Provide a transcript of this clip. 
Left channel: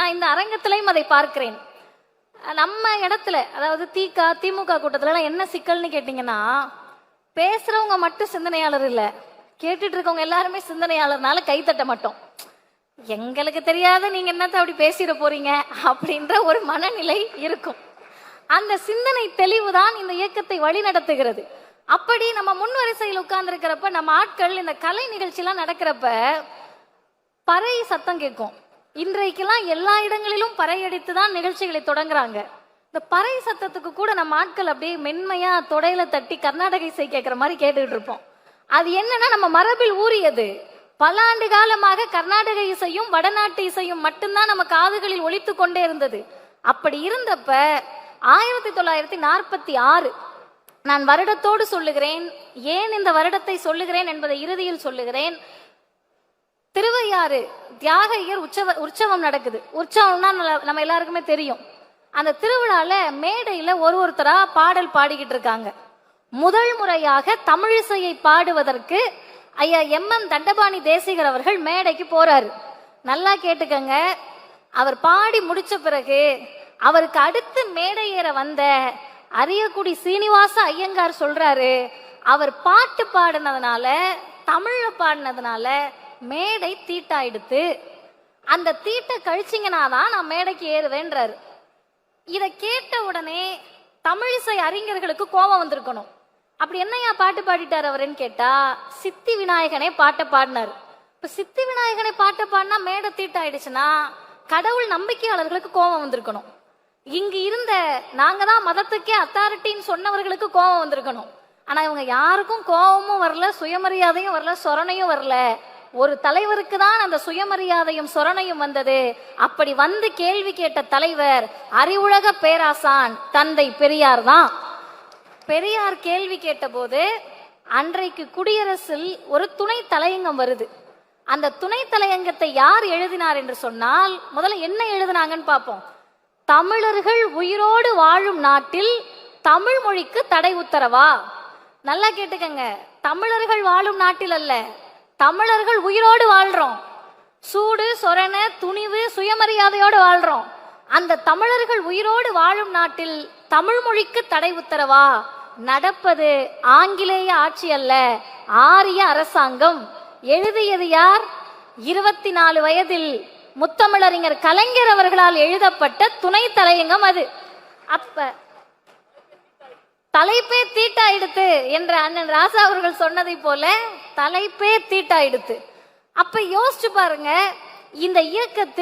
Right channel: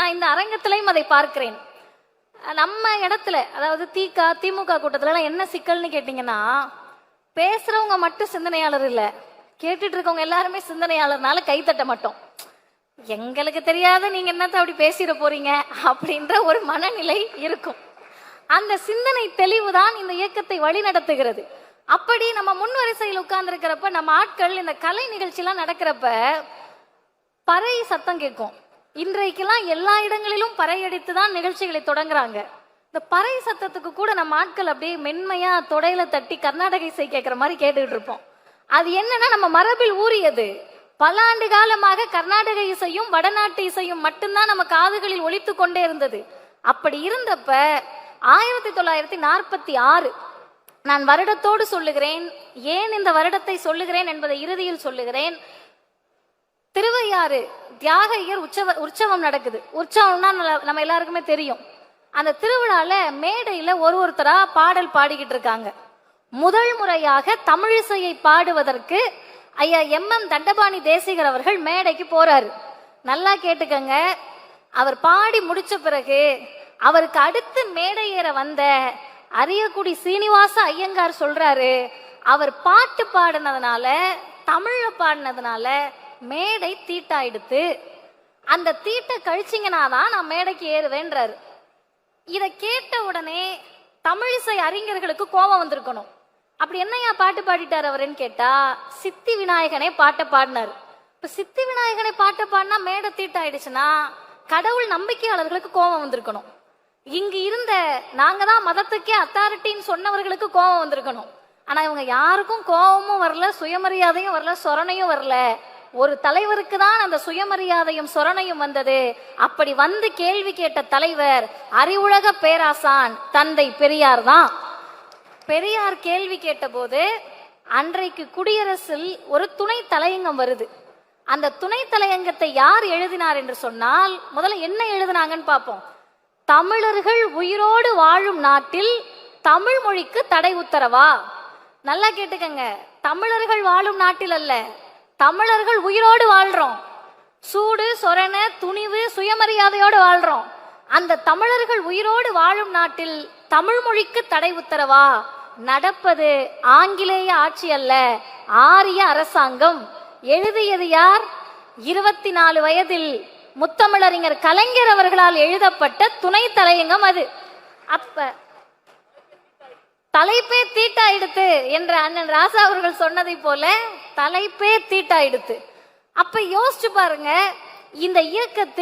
நான் இந்த அரங்கத்திலையும் அதை பார்க்கிறேன். நம்ம இடத்துல, அதாவது திமுக கூட்டத்துல என்ன சிக்கல்னு கேட்டீங்கன்னா, பேசுறவங்க மட்டும் சிந்தனையாளர் இல்ல, கேட்டுட்டு இருக்கவங்க எல்லாருமே சிந்தனையாளர்னால கைத்தட்ட மாட்டோம். எங்களுக்கு தெரியாத நீங்க என்னத்த அப்படி பேசிட போறீங்க அப்படின்ற ஒரு மனநிலை இருக்கும். அந்த சிந்தனை தெளிவுதான் இந்த இயக்கத்தை வழி நடத்துகிறது. அப்படி நம்ம முன்வரிசையில் உட்கார்ந்து இருக்கிறப்ப, நம்ம ஆட்கள் இந்த கலை நிகழ்ச்சி எல்லாம் நடக்கிறப்ப பறை சத்தம் கேட்கும். இன்றைக்கெல்லாம் எல்லா இடங்களிலும் பறை அடித்துதான் நிகழ்ச்சிகளை தொடங்குறாங்க. இந்த பறை சத்தத்துக்கு கூட நம்ம ஆட்கள் அப்படியே மென்மையா தொடையில தட்டி கர்நாடக இசை கேட்கிற மாதிரி கேட்டுக்கிட்டு இருப்போம். அது என்னன்னா, நம்ம மரபில் ஊறியது. பல ஆண்டு காலமாக கர்நாடக இசையும் வடநாட்டு இசையும் மட்டும்தான் நம்ம காதுகளில் ஒலித்து கொண்டே இருந்தது. அப்படி இருந்தப்ப 1946, நான் வருடத்தோடு சொல்லுகிறேன், ஏன் இந்த வருடத்தை சொல்லுகிறேன் என்பதை இறுதியில் சொல்லுகிறேன். திருவையாறு தியாகையர் உற்சவம் நடக்குது. உற்சவம்னா நம்ம எல்லாருக்குமே தெரியும். அந்த திருவிழால மேடையில ஒருத்தரா பாடல் பாடிக்கிட்டு இருக்காங்க. முதல் முறையாக தமிழிசையை பாடுவதற்கு ஐயா MM தண்டபாணி தேசிகர் அவர்கள் மேடைக்கு போறாரு. நல்லா கேட்டுக்கங்க. அவர் பாடி முடிச்ச பிறகு அவருக்கு அடுத்து மேடை ஏற வந்த அரியக்குடி சீனிவாச ஐயங்கார் சொல்றாரு, அவர் பாட்டு பாடினதுனால, தமிழ்ல பாடினதுனால மேடை தீட்டாயிடுத்து, அந்த தீட்டை கழிச்சிங்கனாதான் நான் மேடைக்கு ஏறுவேன்றாரு. இத கேட்ட உடனே தமிழிசை அறிஞர்களுக்கு கோபம் வந்திருக்கணும். அப்படி என்னையா பாட்டு பாடிட்டார் அவருன்னு கேட்டா, சித்தி விநாயகனே பாட்டை பாடினார். இப்ப சித்தி விநாயகனை பாட்டை பாடினா மேடை தீட்டாயிடுச்சுன்னா கடவுள் நம்பிக்கையாளர்களுக்கு கோபம் வந்திருக்கணும். இங்கு இருந்த நாங்க தான் மதத்துக்கே அத்தாரிட்டின்னு சொன்னவர்களுக்கு கோபம் வந்திருக்கணும். ஆனா இவங்க யாருக்கும் கோபமும் வரல, சுயமரியாதையும் வரல, சொரணையும் வரல. ஒரு தலைவருக்கு தான் அந்த சுயமரியாதையும் சொரணையும் வந்தது. அப்படி வந்து கேள்வி கேட்ட தலைவர் அறிவுலக பேராசான் தந்தை பெரியார் தான். பெரியார் கேள்வி கேட்ட போது அன்றைக்கு குடியரசில் ஒரு துணை தலையங்கம் வருது. அந்த துணை தலையங்கத்தை யார் எழுதினார் என்று சொன்னால், முதல்ல என்ன எழுதினாங்கன்னு பார்ப்போம். தமிழர்கள் உயிரோடு வாழும் நாட்டில் தமிழ் மொழிக்கு தடை உத்தரவா? நல்லா கேட்டுக்கங்க. தமிழர்கள் வாழும் நாட்டில் அல்ல, தமிழர்கள் உயிரோடு வாழ்றோம். சூடு சொரண துணிவு சுயமரியாதையோடு வாழ்றோம். அந்த தமிழர்கள் உயிரோடு வாழும் நாட்டில் தமிழ் மொழிக்கு தடை உத்தரவா? நடப்பது ஆங்கிலேய ஆட்சி அல்ல, ஆரிய அரசாங்கம். எழுதியது யார்? 24 வயதில் முத்தமிழறிஞர் கலைஞர் அவர்களால் எழுதப்பட்ட துணை தலையங்கம் அது. அப்ப தலைப்பே தீட்டாயிடுத்து என்ற அண்ணன் ராசா அவர்கள் சொன்னதை போல தலைப்பே தீட்டாயிடுத்து. அப்ப யோசிச்சு பாருங்க, இந்த இயக்கத்தில்